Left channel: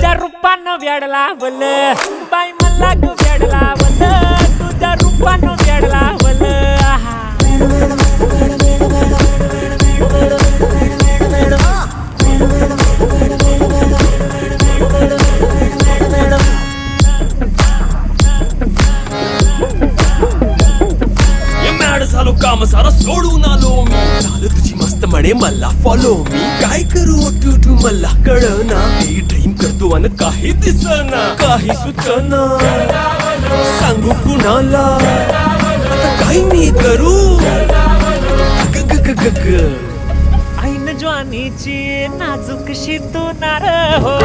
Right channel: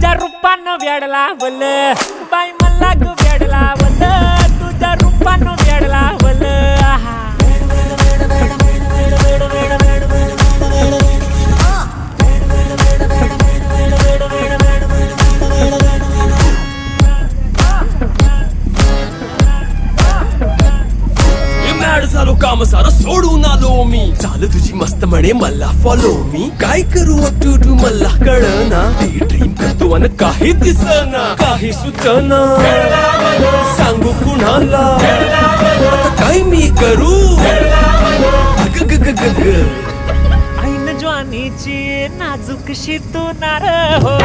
तुझ्या रूपानं वेड लावलं बाई मला ग वेड लावलं तुझ्या रूपानं वेड लावलं आहा झालो काम सारा सोडून आलो मी चाल तुझी मस्त म्हणे मला फॉलो मी काय करू टू मला कळना ड्रीम करतो आणि काही दिसना काही सुचना सांगू कुणाला आता काय मी करू अग ग ग ग ग ऐन ज्वानीची नाजूकशी तू नार हो